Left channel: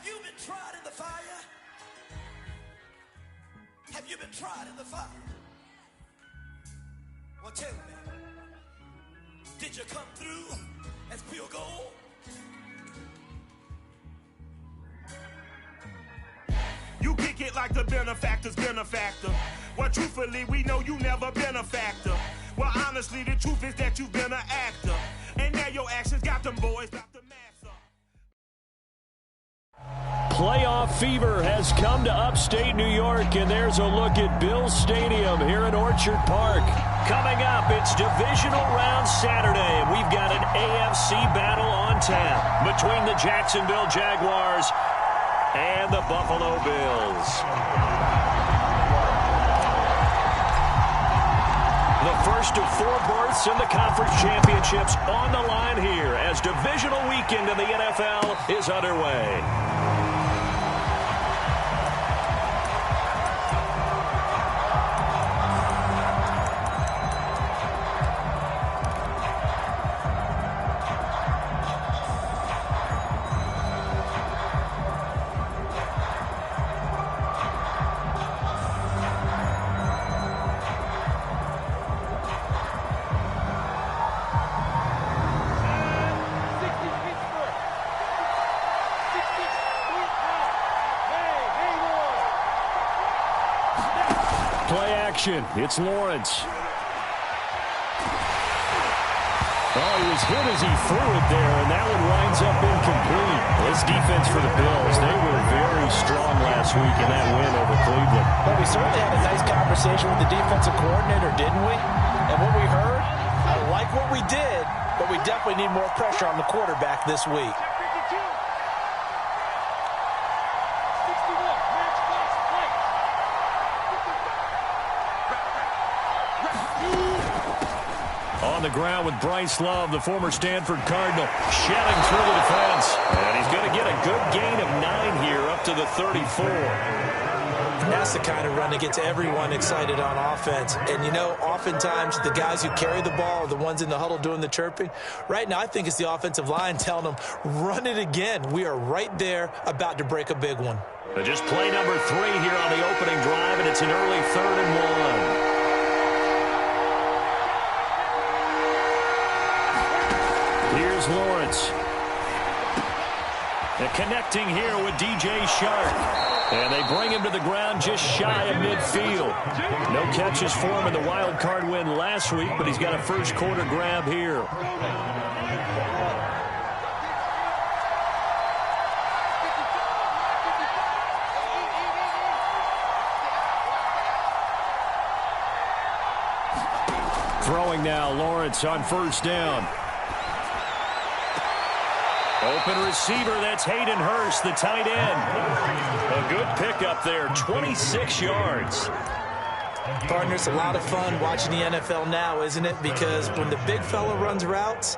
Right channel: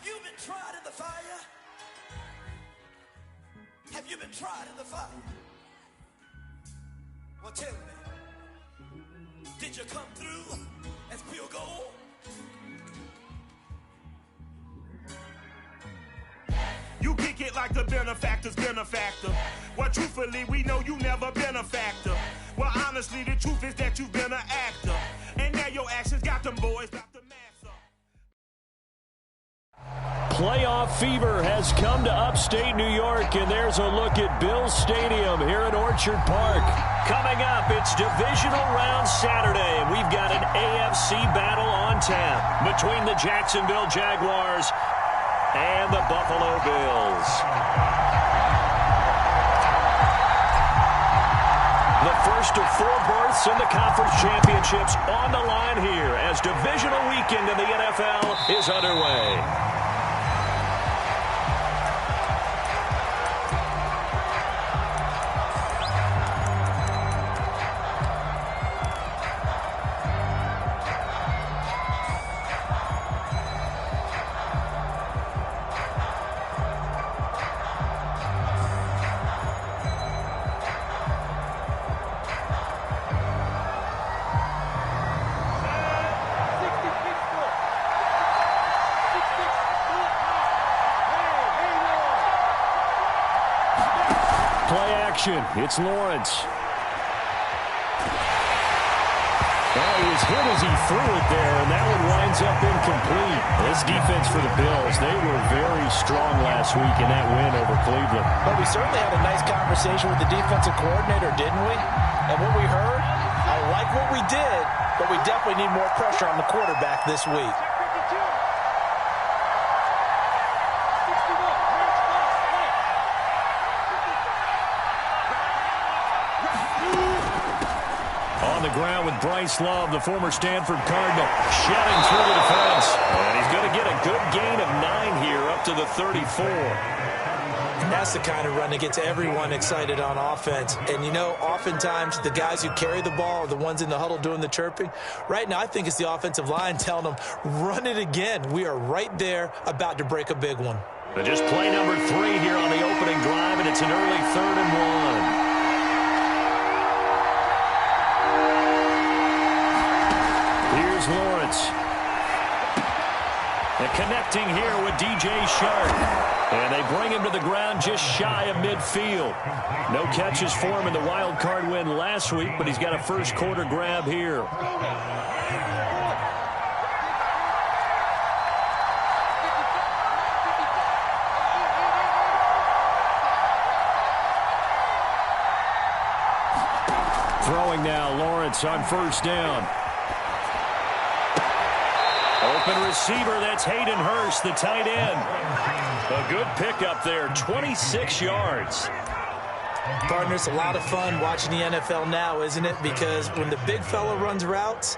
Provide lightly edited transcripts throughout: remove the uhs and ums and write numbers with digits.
Have you been tried in the fire? Have you been tried in the fire? Well, tell me, did you come through as pure gold? You kick it like the benefactor's benefactor. Well, truthfully, we know you never been a factor. Well, honestly, the truth is that you've been an actor. And now your actions got them boys got the mass up. Playoff fever has come to upstate New York, and there's a look at Bills Stadium here in Orchard Park. Coming up, it's divisional round Saturday, and we've got an AFC battle on tap between the Jacksonville Jaguars and the Buffalo Bills. The first of 4 berths in the conference championships on the line here as divisional weekend in the NFL is underway. Play action. It's Lawrence. Oh, he was hit as he threw it there, and that one winds up incomplete. This defense for the Bills, they were very strong last week in that win over Cleveland. But we certainly had a nice conversation with the defensive coordinator, didn't we? And what we heard, I like what we did, but we definitely need more pressure on the quarterback this week. On the ground with Bryce Love, the former Stanford Cardinal, shedding through the defense. And he's going to get a good gain of 9 here up to the 34. That's the kind of run that gets everyone excited on offense. And, you know, oftentimes the guys who carry the ball are the ones in the huddle doing the chirping. Right now, I think it's the offensive line telling them, run it again. We are right there about to break a big one. But just play number 3 here on the opening drive, and it's an early 3rd and 1. Here's Lawrence. And connecting here with DJ Shark. And they bring him to the ground just shy of midfield. No catches for him in the wild card win last week, but he's got a first quarter grab here. Throwing now, Lawrence on first down. Open receiver, that's Hayden Hurst, the tight end. A good pickup there, 26 yards. Partner, it's a lot of fun watching the NFL now, isn't it? Because when the big fella runs routes,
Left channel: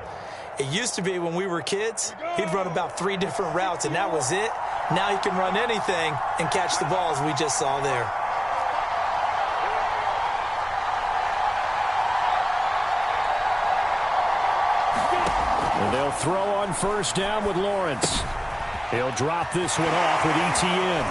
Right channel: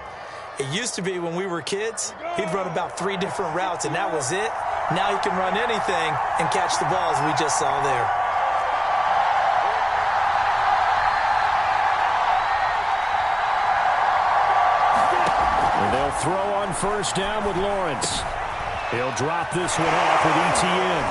it used to be when we were kids, he'd run about 3 different routes, and that was it. Now he can run anything and catch the balls we just saw there. And they'll throw on first down with Lawrence. He'll drop this one off with ETN.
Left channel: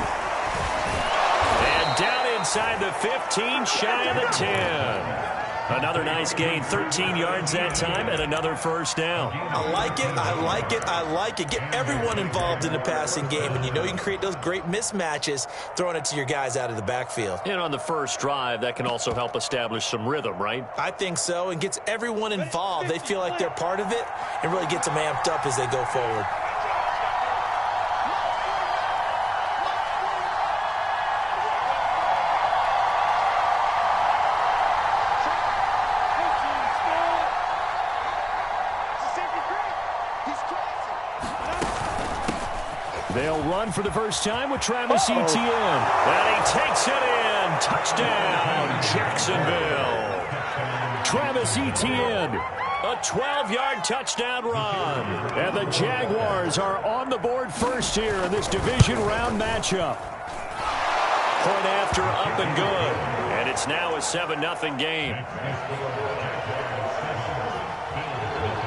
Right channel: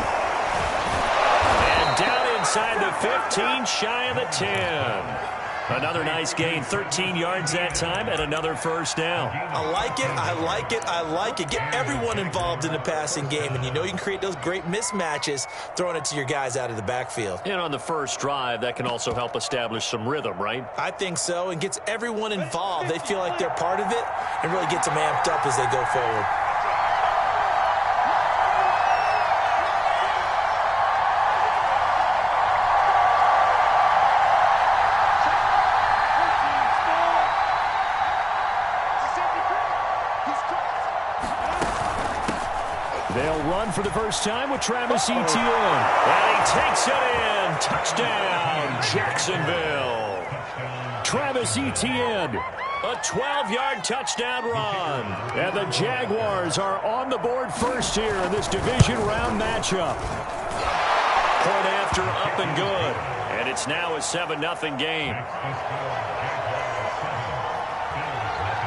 And down inside the 15, shy of the 10. Another nice gain, 13 yards that time, and another first down. I like it, I like it, I like it. Get everyone involved in the passing game, and you know you can create those great mismatches throwing it to your guys out of the backfield. And on the first drive, that can also help establish some rhythm, right? I think so, and gets everyone involved. They feel like they're part of it, and really gets them amped up as they go forward. They'll run for the first time with Travis Etienne. And he takes it in. Touchdown, Jacksonville. Travis Etienne, a 12-yard touchdown run. And the Jaguars are on the board first here in this division round matchup. Point after, up and good. And it's now a 7-0 game.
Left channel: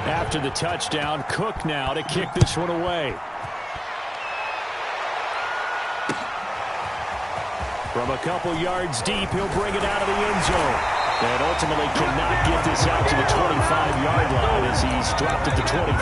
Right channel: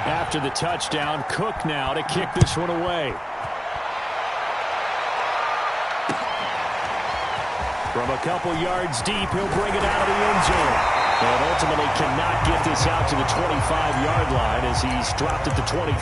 After the touchdown, Cook now to kick this one away. From a couple yards deep, he'll bring it out of the end zone. And ultimately cannot get this out to the 25-yard line as he's dropped at the 23.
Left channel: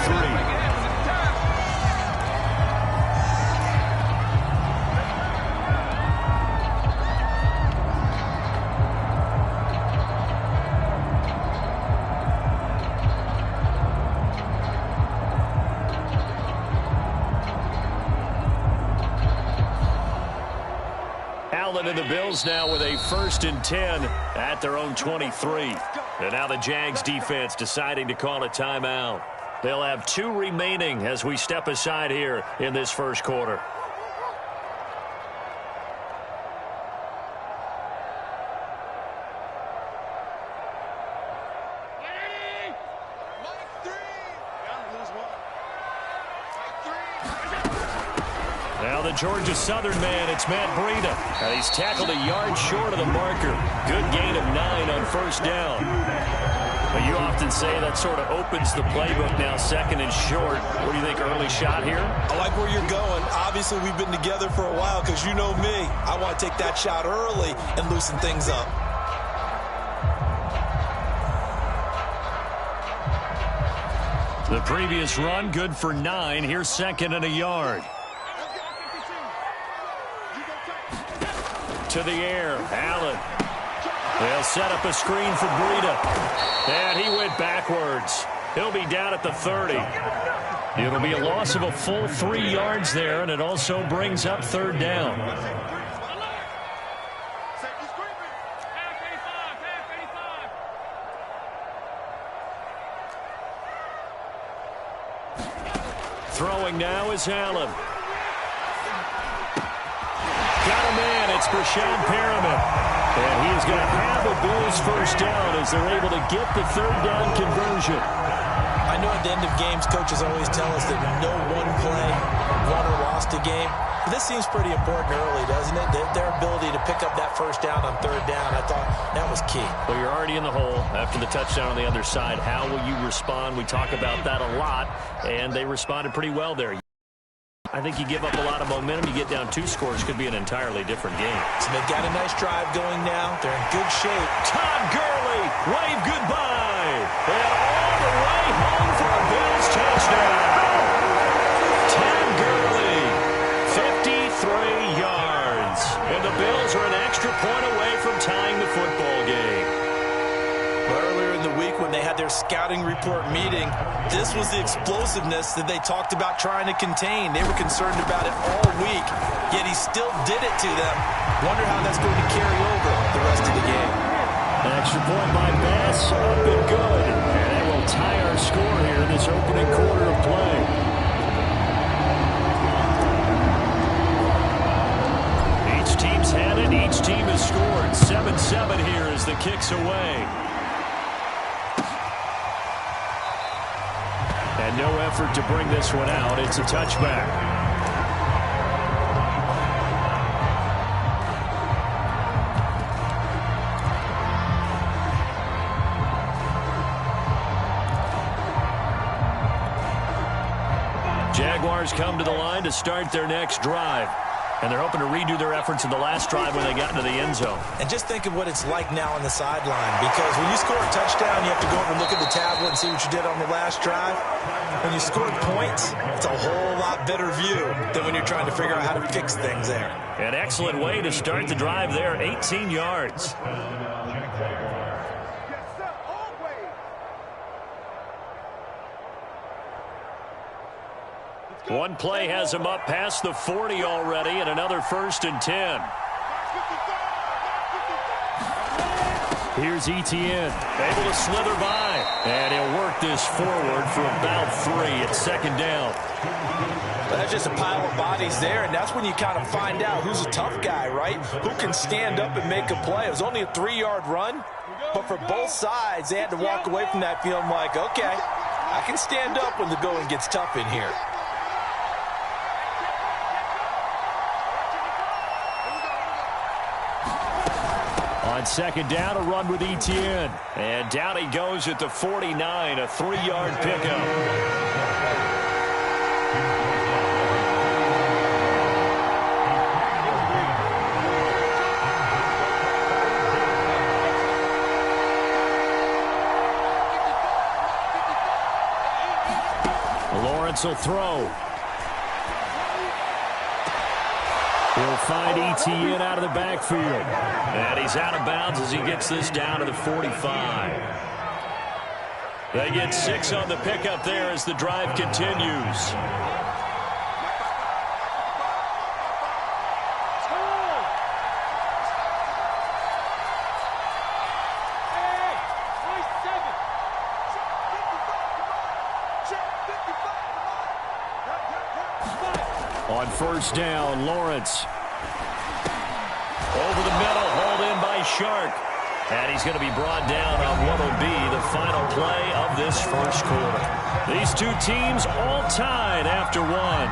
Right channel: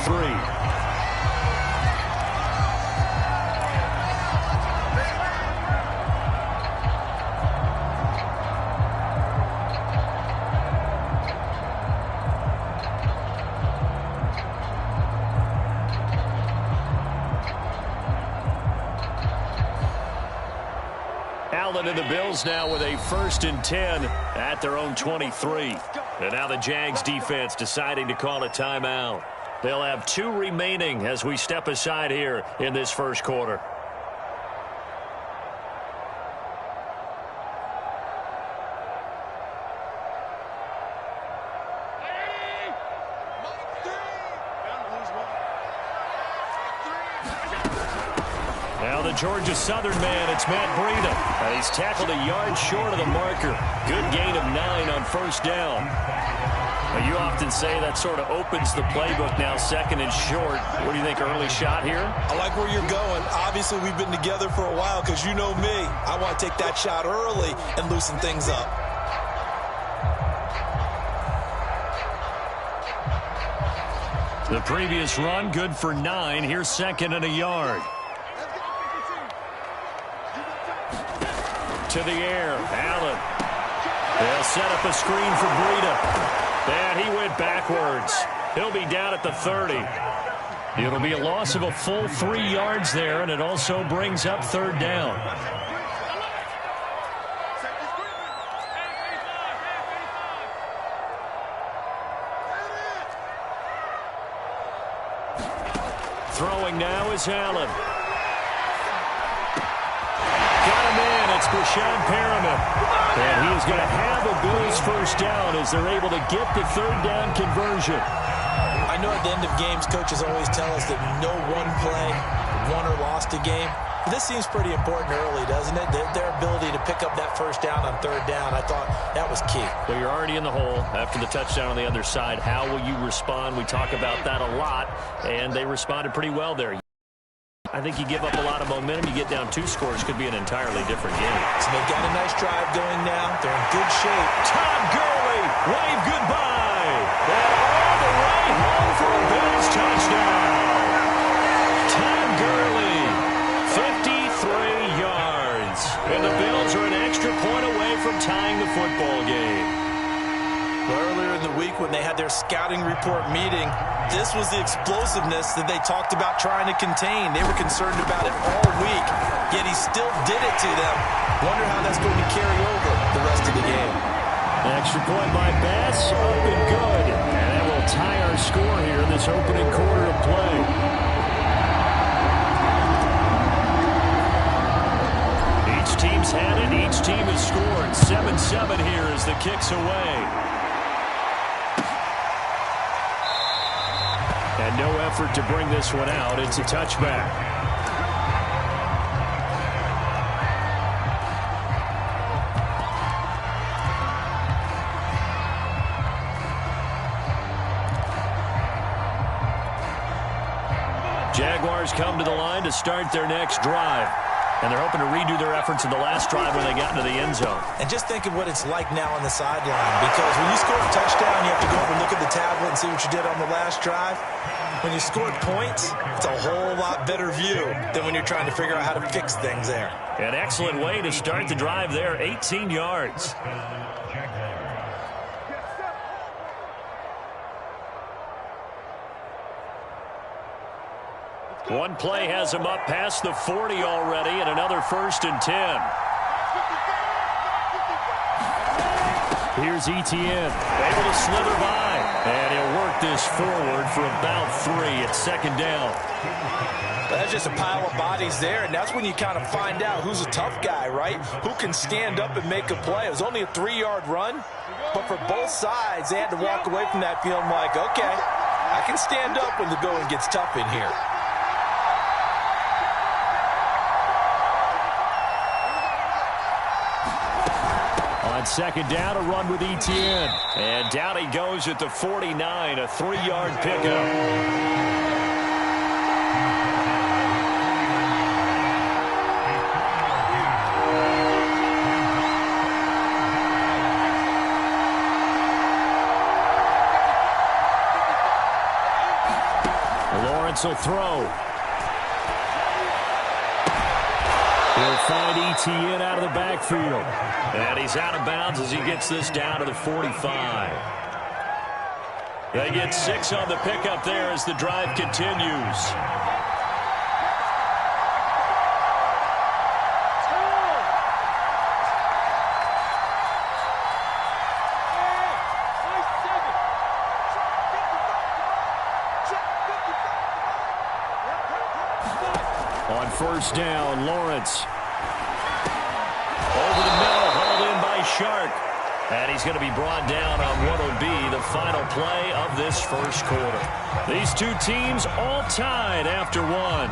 Allen and the Bills now with a 1st and 10 at their own 23. And now the Jags defense deciding to call a timeout. They'll have 2 remaining as we step aside here in this first quarter. Now the Georgia Southern man, it's Matt Breida. And he's tackled a yard short of the marker. Good gain of 9 on 1st down. But you often say that sort of opens the playbook now, 2nd and short. What do you think, early shot here? I like where you're going. Obviously, we've been together for a while because you know me. I want to take that shot early and loosen things up. The previous run, good for 9. Here's 2nd and a yard. To the air, Allen. They'll set up a screen for Breida. And he went backwards. He'll be down at the 30. It'll be a loss of a full 3 yards there, and it also brings up 3rd down. Throwing now is Allen. Got a man. It's Brashad Perriman. And he is going to have a Bills 1st down as they're able to get the 3rd down conversion. I know at the end of games, coaches always tell us that no one play won or lost a game. But this seems pretty important early, doesn't it? Their ability to pick up that 1st down on 3rd down, I thought that was key. Well, you're already in the hole after the touchdown on the other side. How will you respond? We talk about that a lot, and they responded pretty well there. I think you give up a lot of momentum. You get down 2 scores, could be an entirely different game. So they've got a nice drive going now. They're in good shape. Todd Gurley, wave goodbye. And all the way home for a Bills touchdown. Todd Gurley, 53 yards. And the Bills are an extra point away from tying the football game. Earlier in the week when they had their scouting report meeting, this was the explosiveness that they talked about trying to contain. They were concerned about it all week, yet he still did it to them. Wonder how that's going to carry over the rest of the game. An extra point by Bass, up and good. And that will tie our score here in this opening quarter of play. Each team's had it. Each team has scored. 7-7 here as the kick's away. And no effort to bring this one out. It's a touchback. Jaguars come to the line to start their next drive. And they're hoping to redo their efforts in the last drive when they got into the end zone. And just think of what it's like now on the sideline, because when you score a touchdown, you have to go over and look at the tablet and see what you did on the last drive. When you scored points, it's a whole lot better view than when you're trying to figure out how to fix things there. An excellent way to start the drive there, 18 yards. One play has him up past the 40 already, and another 1st and 10. Here's Etienne, able to slither by, and he'll work this forward for about 3 at 2nd down. But that's just a pile of bodies there, and that's when you kind of find out who's a tough guy, right? Who can stand up and make a play. It was only a 3-yard run, but for both sides, they had to walk away from that feeling like, okay, I can stand up when the going gets tough in here. On 2nd down, a run with Etienne. And down he goes at the 49, a 3-yard pickup. Lawrence will throw. He'll find Etienne out of the backfield. And he's out of bounds as he gets this down to the 45. They get 6 on the pickup there as the drive continues. On first down, Lawrence. Over the middle, hauled in by Shark. And he's going to be brought down on what will be the final play of this first quarter. These two teams all tied after one.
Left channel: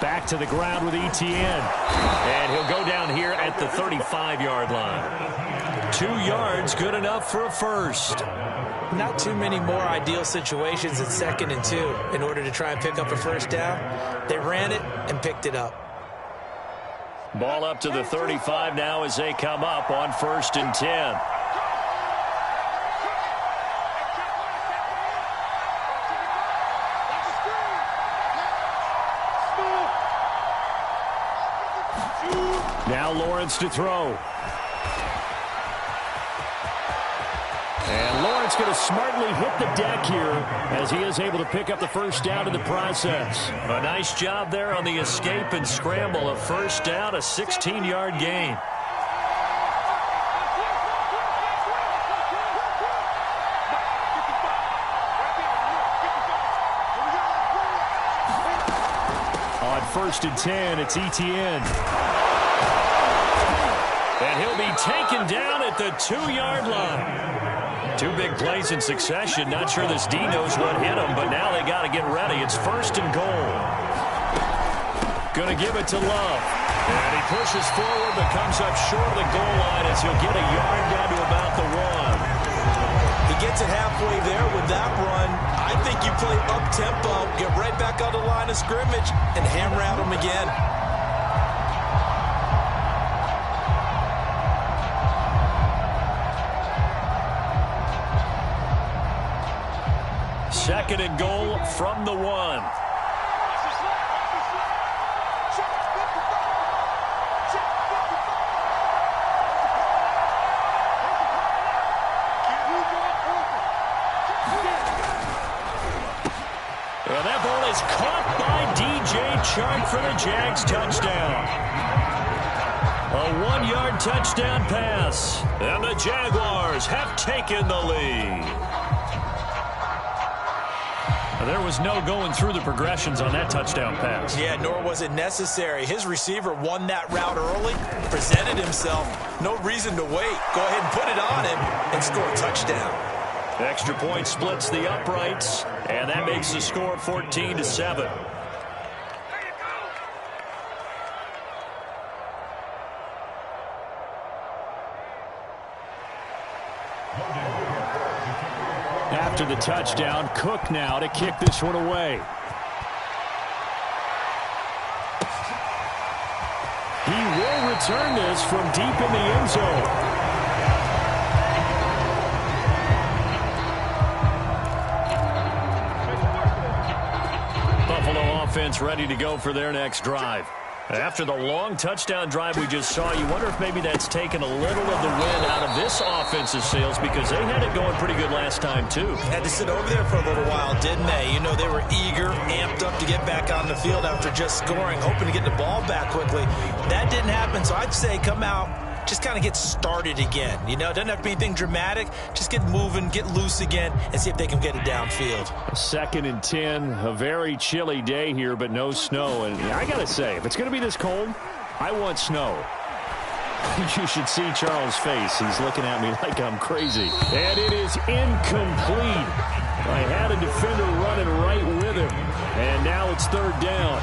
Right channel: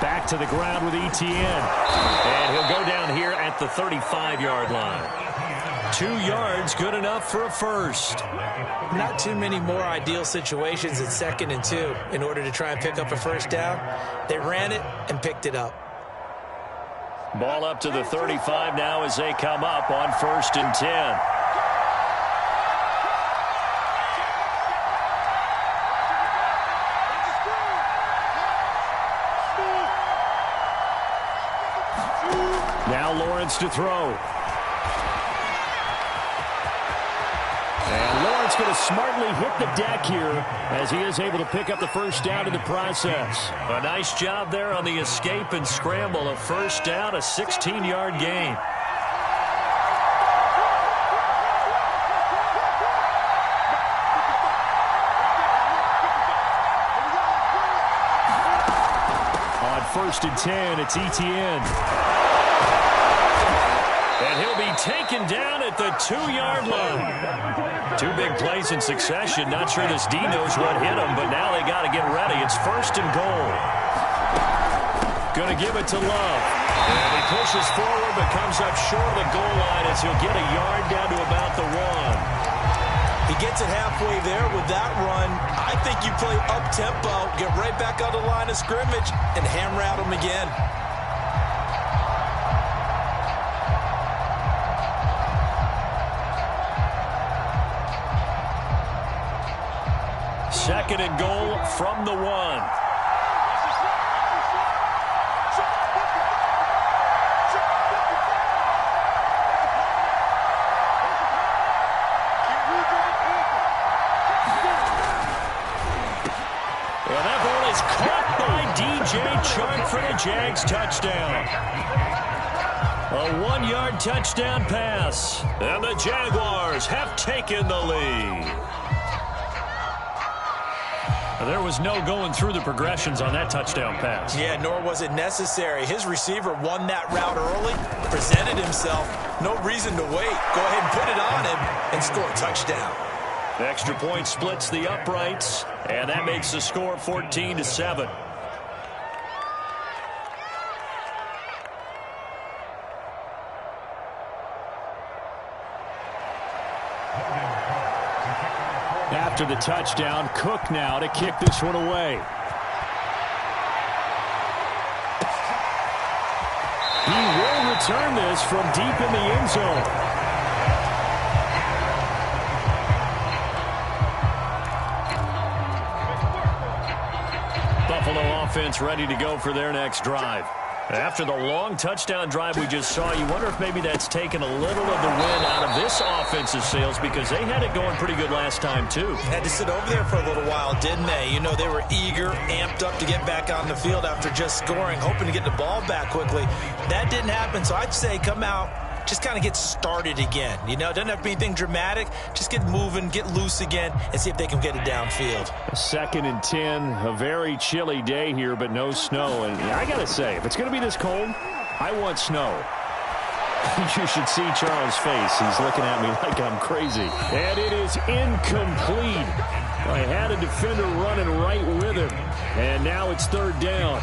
Back to the ground with Etienne. And he'll go down here at the 35-yard line. 2 yards, good enough for a first. Not too many more ideal situations at 2nd and 2 in order to try and pick up a first down. They ran it and picked it up. Ball up to the 35 now as they come up on 1st and 10. Now Lawrence to throw. And Lawrence going to smartly hit the deck here as he is able to pick up the first down in the process. A nice job there on the escape and scramble. A first down, a 16-yard gain. On 1st and 10, it's Etienne. And he'll be taken down at the 2-yard line. 2 big plays in succession. Not sure this D knows what hit him, but now they got to get ready. It's 1st and goal. Going to give it to Love. And he pushes forward, but comes up short of the goal line as he'll get a yard down to about the 1. He gets it halfway there with that run. I think you play up-tempo, get right back on the line of scrimmage, and hammer out him again. 2nd and goal from the 1. And that ball is caught by DJ Chark for the Jags touchdown. A 1-yard touchdown pass. And the Jaguars have taken the lead. There was no going through the progressions on that touchdown pass. Yeah, nor was it necessary. His receiver won that route early, presented himself. No reason to wait. Go ahead and put it on him and score a touchdown. Extra point splits the uprights, and that makes the score 14-7. After the touchdown, Cook now to kick this one away. He will return this from deep in the end zone. Buffalo offense ready to go for their next drive. After the long touchdown drive we just saw, you wonder if maybe that's taken a little of the wind out of this offensive sails, because they had it going pretty good last time, too. Had to sit over there for a little while, didn't they? You know, they were eager, amped up to get back on the field after just scoring, hoping to get the ball back quickly. That didn't happen, so I'd say come out, just kind of get started again. You know, it doesn't have to be anything dramatic. Just get moving, get loose again, and see if they can get it downfield. 2nd and 10, a very chilly day here, but no snow. And I got to say, if it's going to be this cold, I want snow. You should see Charles' face. He's looking at me like I'm crazy. And it is incomplete. I had a defender running right with him. And now it's 3rd down.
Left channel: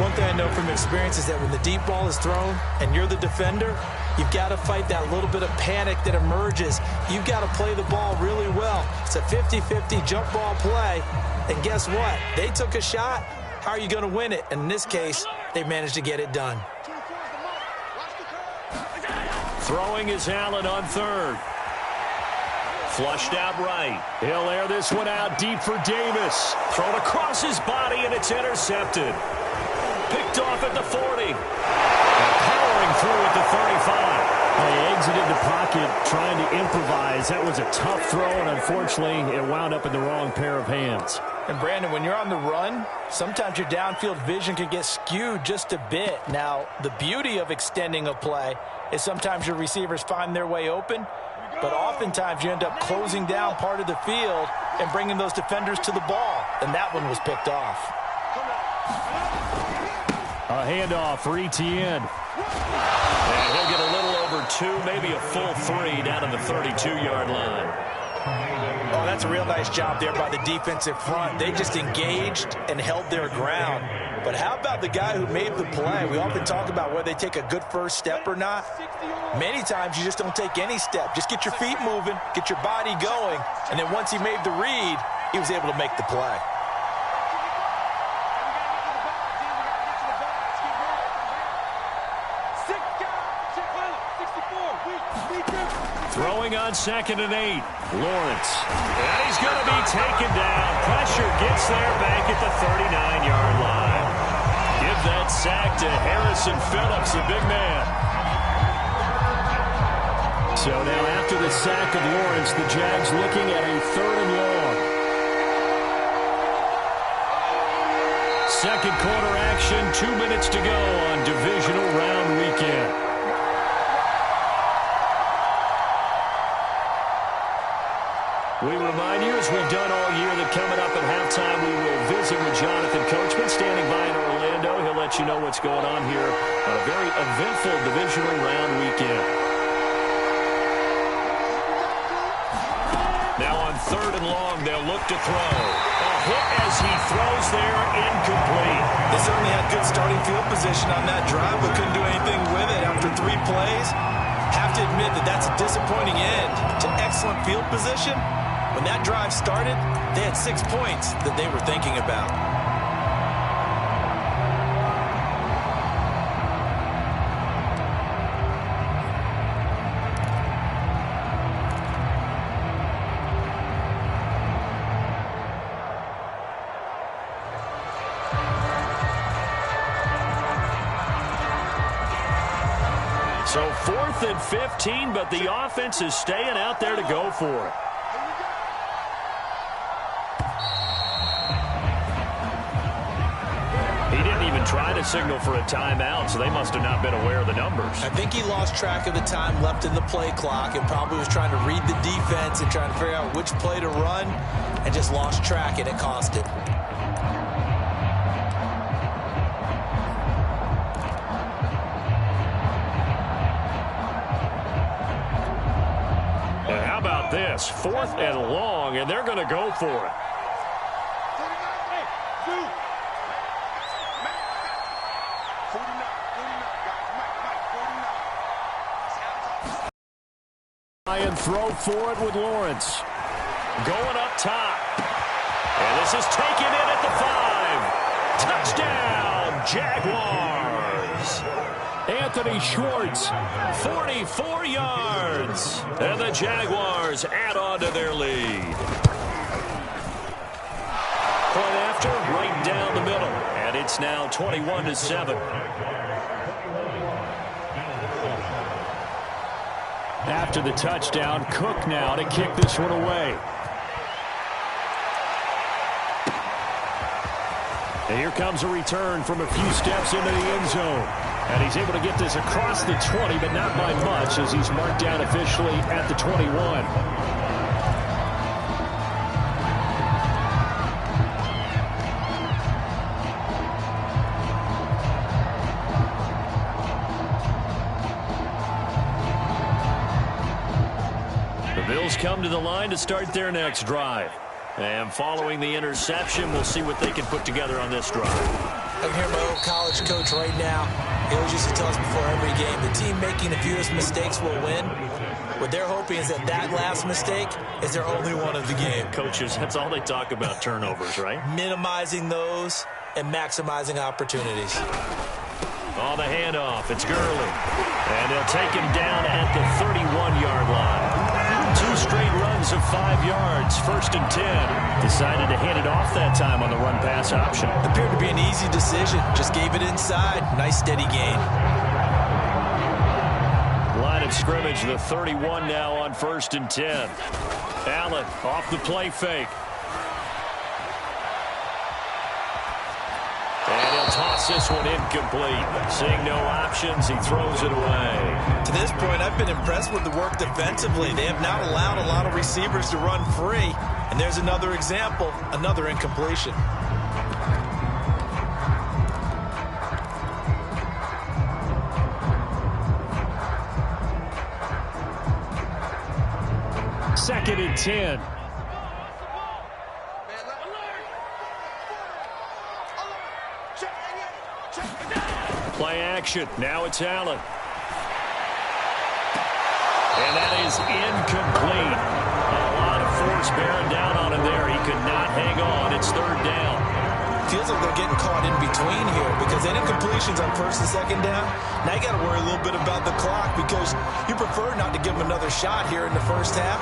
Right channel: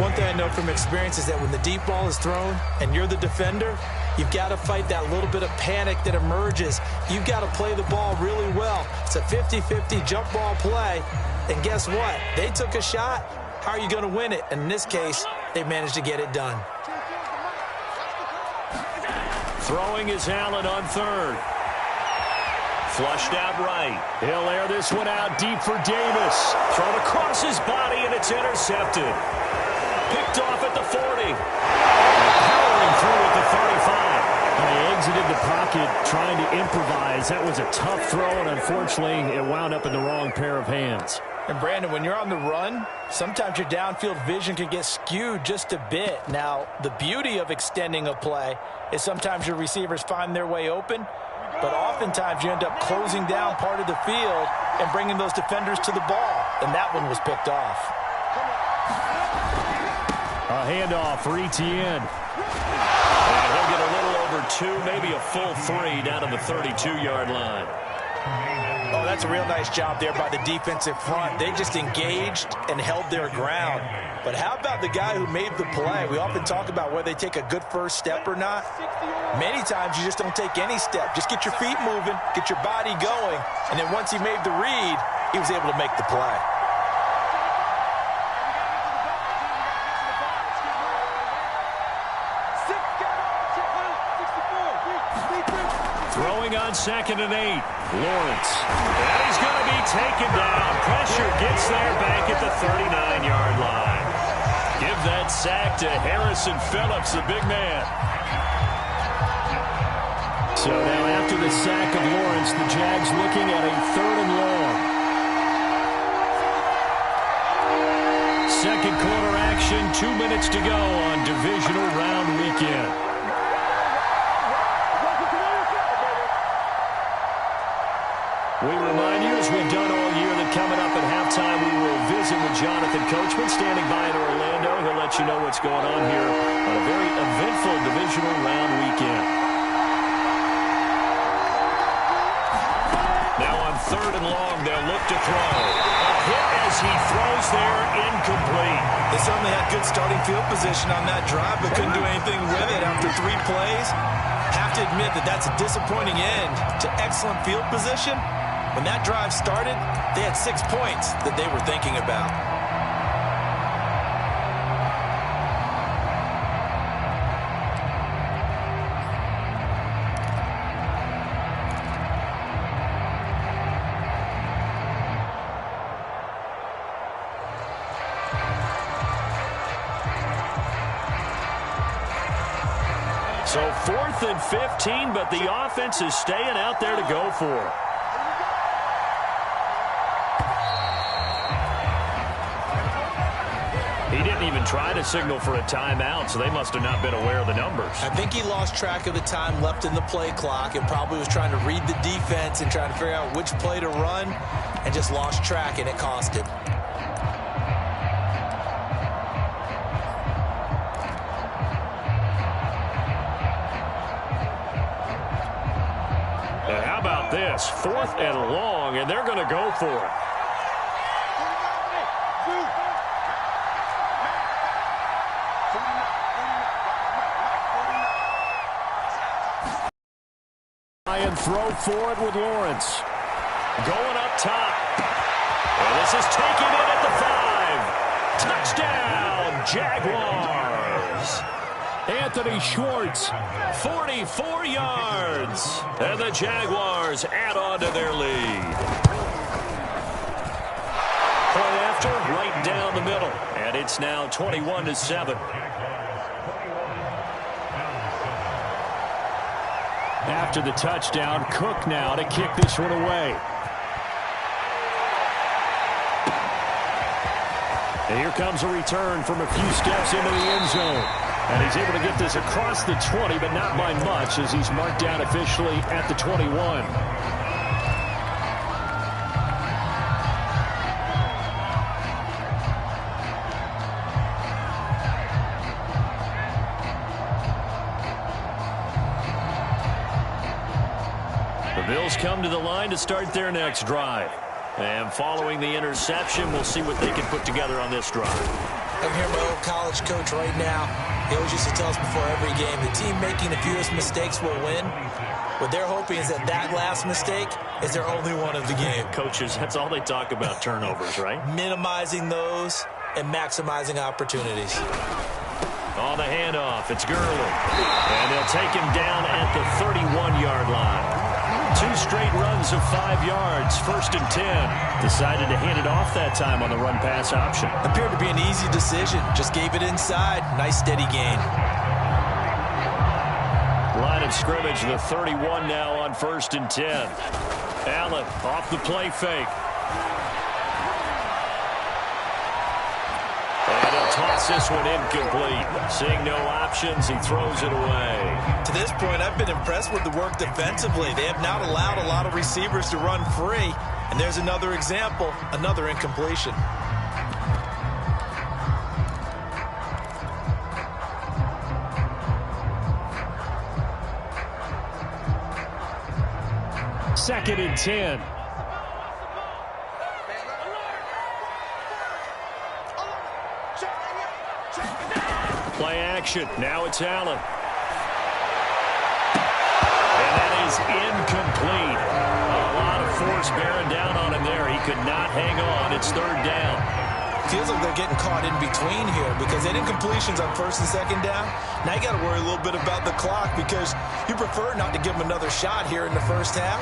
One thing I know from experience is that when the deep ball is thrown and you're the defender, You've got to fight that little bit of panic that emerges. You've got to play the ball really well. It's a 50-50 jump ball play. And guess what? They took a shot. How are you going to win it? And in this case, they managed to get it done. Throwing is Allen on third. Flushed out right. He'll air this one out deep for Davis. Thrown across his body, and it's intercepted. Picked off at the 40. And powering through at the 35. He exited the pocket trying to improvise. That was a tough throw, and unfortunately, it wound up in the wrong pair of hands. And, Brandon, when you're on the run, sometimes your downfield vision can get skewed just a bit. Now, the beauty of extending a play is sometimes your receivers find their way open, but oftentimes you end up closing down part of the field and bringing those defenders to the ball, and that one was picked off. A handoff for Etienne. And he'll get a little over 2, maybe a full 3 down to the 32-yard line. Oh, that's a real nice job there by the defensive front. They just engaged and held their ground. But how about the guy who made the play? We often talk about whether they take a good first step or not. Many times you just don't take any step. Just get your feet moving, get your body going, and then once he made the read, he was able to make the play. Throwing on 2nd and 8. Lawrence. And he's going to be taken down. Pressure gets there back at the 39-yard line. Give that sack to Harrison Phillips, the big man. So now after the sack of Lawrence, the Jags looking at a 3rd and long. Second quarter action, 2 minutes to go on divisional round weekend. We remind you, as we've done all year, that coming up at halftime, we will visit with Jonathan Coachman, standing by in Orlando. He'll let you know what's going on here on a very eventful divisional round weekend. Now on 3rd and long, they'll look to throw. A hit as he throws there, incomplete. They certainly had good starting field position on that drive, but couldn't do anything with it after 3 plays. Have to admit that that's a disappointing end to excellent field position. When that drive started, they had 6 points that they were thinking about. So 4th and 15, but the offense is staying out there to go for it. He didn't even try to signal for a timeout, so they must have not been aware of the numbers. I think he lost track of the time left in the play clock and probably was trying to read the defense and trying to figure out which play to run and just lost track, and it cost him. And how about this? 4th and long, and they're going to go for it. And throw for it with Lawrence. Going up top. And this is taken in at the 5. Touchdown, Jaguars. Anthony Schwartz. 44 yards. And the Jaguars add on to their lead. Point after, right down the middle. And it's now 21-7. After the touchdown, Cook now to kick this one away. And here comes a return from a few steps into the end zone. And he's able to get this across the 20, but not by much, as he's marked down officially at the 21. The Bills come to the line to start their next drive. And following the interception, we'll see what they can put together on this drive. I can hear my old college coach right now. He always used to tell us before every game, the team making the fewest mistakes will win. What they're hoping is that last mistake is their only one of the game. Coaches, that's all they talk about, turnovers, right? Minimizing those and maximizing opportunities. On the handoff, it's Gurley. And they'll take him down at the 31-yard line. 2 straight runs of 5 yards, 1st and 10. Decided to hand it off that time on the run-pass option. Appeared to be an easy decision. Just gave it inside. Nice steady gain. Line of scrimmage, the 31 now on 1st and 10. Allen off the play fake. And he'll toss this one incomplete. Seeing no options, he throws it away. To this point, I've been impressed with the work defensively. They have not allowed a lot of receivers to run free. And there's another example, another incompletion. Second and 10. Play action. Now it's Allen. And that is incomplete. A lot of force bearing down on him there. He could not hang on. It's 3rd down. Feels like they're getting caught in between here because they had incompletions on 1st and 2nd down. Now you got to worry a little bit about the clock because you prefer not to give them another shot here in the first half.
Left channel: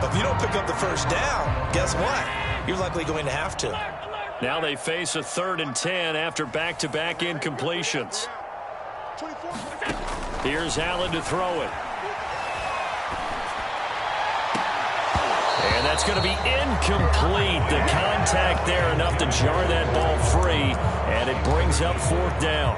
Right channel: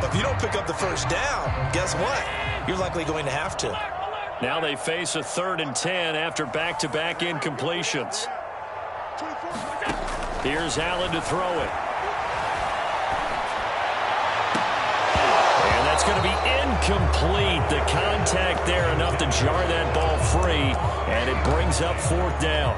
But if you don't pick up the 1st down, guess what? You're likely going to have to. Now they face a 3rd and 10 after back-to-back incompletions. Here's Allen to throw it. And that's going to be incomplete. The contact there enough to jar that ball free, and it brings up 4th down.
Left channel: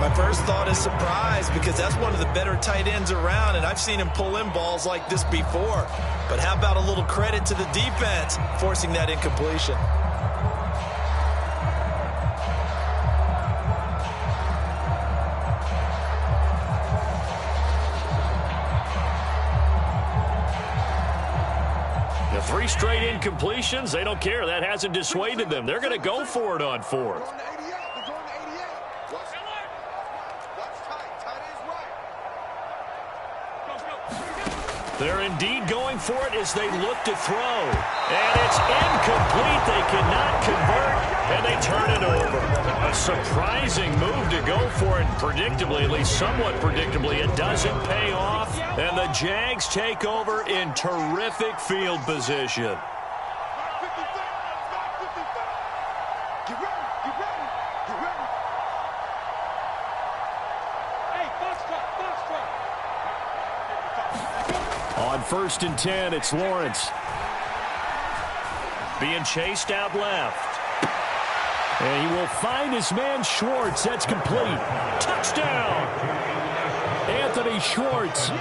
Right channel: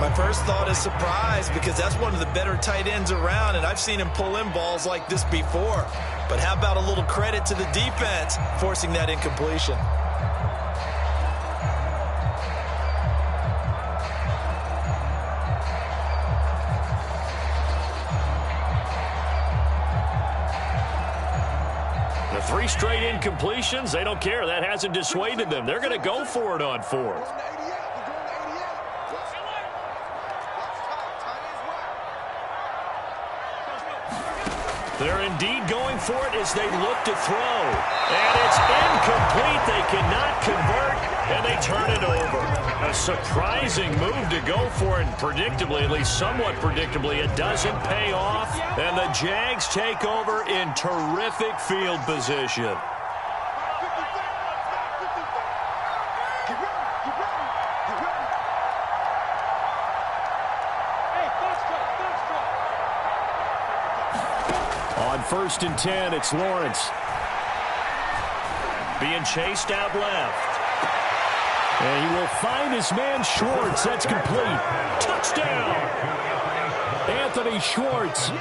My first thought is surprise because that's one of the better tight ends around, and I've seen him pull in balls like this before. But how about a little credit to the defense forcing that incompletion? The 3 straight incompletions, they don't care. That hasn't dissuaded them. They're going to go for it on 4th. They're indeed going for it as they look to throw. And it's incomplete. They cannot convert, and they turn it over. A surprising move to go for it. Predictably, at least somewhat predictably, it doesn't pay off. And the Jags take over in terrific field position. On 1st and 10, it's Lawrence. Being chased out left. And he will find his man Schwartz. That's complete. Touchdown! Anthony Schwartz. 2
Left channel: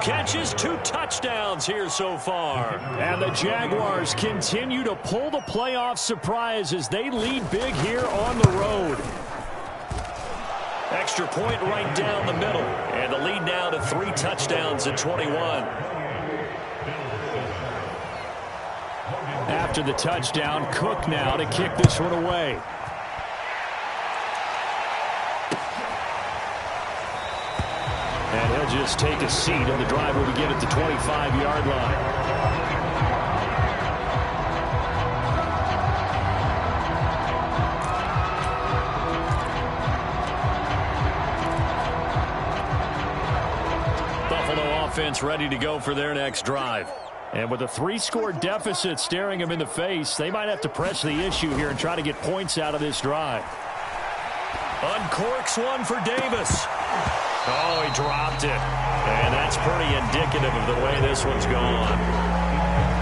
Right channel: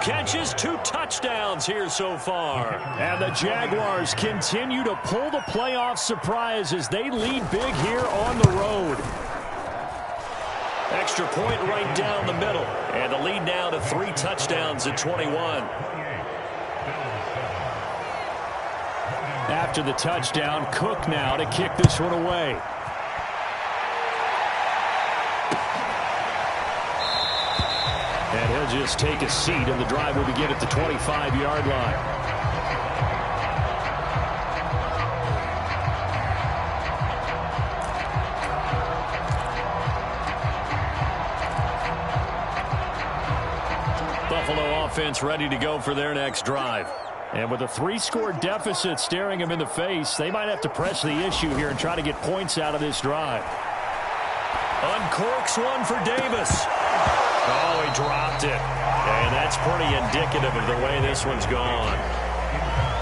catches, 2 touchdowns here so far. And the Jaguars continue to pull the playoff surprise as they lead big here on the road. Extra point right down the middle. And the lead now to 3 touchdowns at 21. After the touchdown, Cook now to kick this one away. And he'll just take a seat, and the drive will begin at the 25-yard line. Buffalo offense ready to go for their next drive. And with a 3-score deficit staring them in the face, they might have to press the issue here and try to get points out of this drive. Uncorks one for Davis. Oh, he dropped it. And that's pretty indicative of the way this one's gone.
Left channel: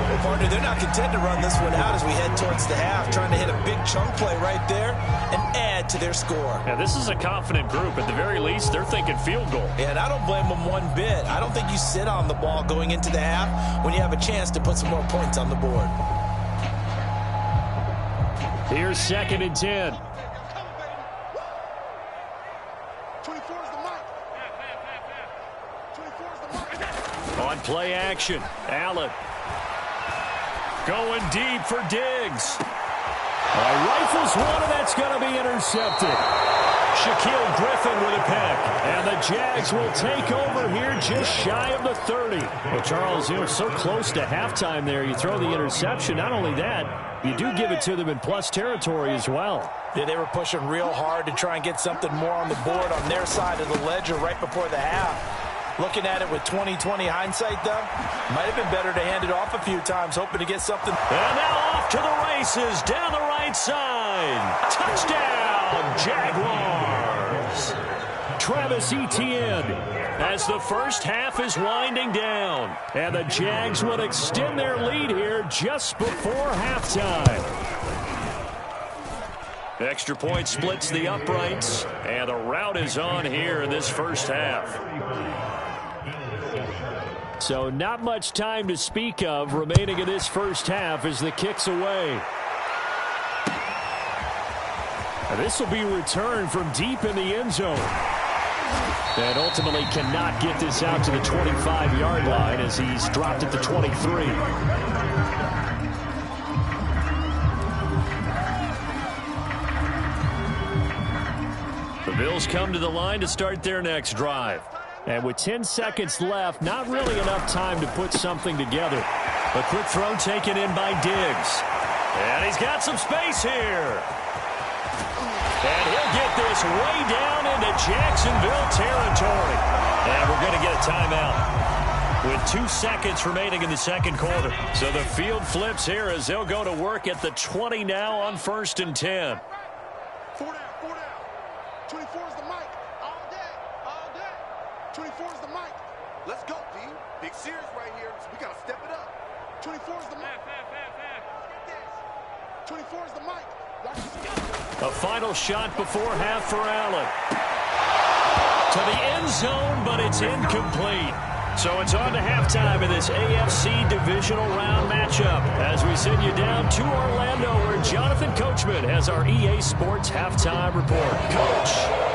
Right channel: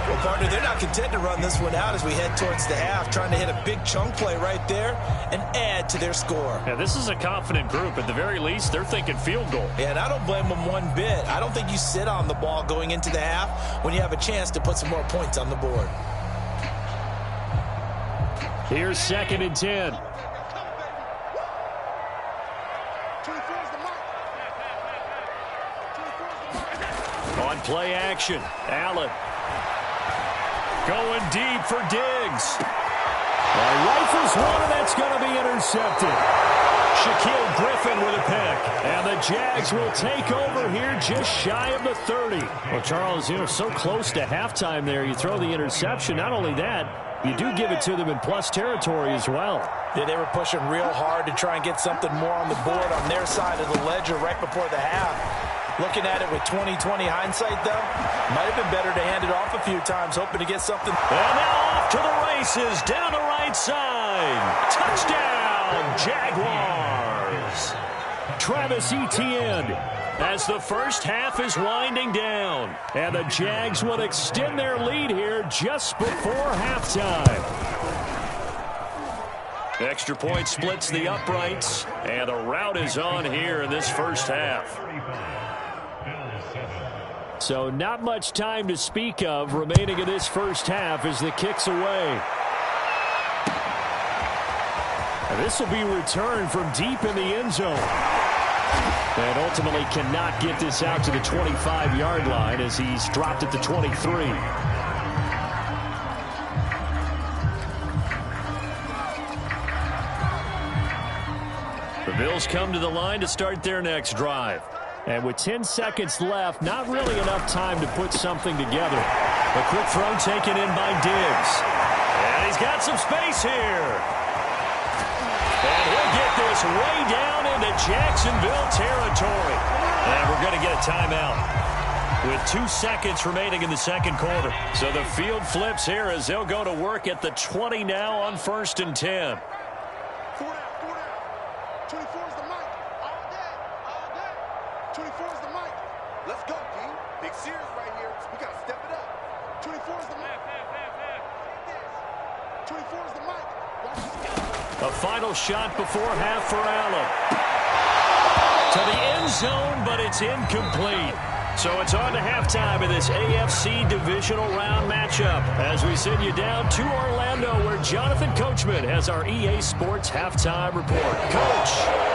Well, partner, they're not content to run this one out as we head towards the half, trying to hit a big chunk play right there and add to their score. Yeah, this is a confident group. At the very least, they're thinking field goal. Yeah, and I don't blame them one bit. I don't think you sit on the ball going into the half when you have a chance to put some more points on the board. Here's 2nd and 10. On play action, Allen. Going deep for Diggs. Rifles one, and that's going to be intercepted. Shaquille Griffin with a pick. And the Jags will take over here just shy of the 30. Well, Charles, so close to halftime there. You throw the interception. Not only that, you do give it to them in plus territory as well. Yeah, they were pushing real hard to try and get something more on the board on their side of the ledger right before the half. Looking at it with 20/20 hindsight, though, might have been better to hand it off a few times, hoping to get something. And now off to the races down the right side. Touchdown, Jaguars. Travis Etienne as the first half is winding down. And the Jags will extend their lead here just before halftime. Extra point splits the uprights, and the route is on here in this first half. So not much time to speak of remaining in this first half as the kick's away. And this will be returned from deep in the end zone. And ultimately cannot get this out to the 25-yard line as he's dropped at the 23. The Bills come to the line to start their next drive. And with 10 seconds left, not really enough time to put something together. A quick throw taken in by Diggs. And he's got some space here. And he'll get this way down into Jacksonville territory. And we're going to get a timeout with 2 seconds remaining in the second quarter. So the field flips here as they'll go to work at the 20 now on 1st and 10. 4 down, 4 down. 24 is the mic. All day, all day. 24 is the mic. Let's go, D. Big series right here. So we got to step it up. 24 is the mic. Get this. 24 is the mic. Watch this. A final shot before half for Allen. To the end zone, but it's incomplete. So it's on to halftime in this AFC divisional round matchup as we send you down to Orlando where Jonathan Coachman has our EA Sports halftime report. Coach.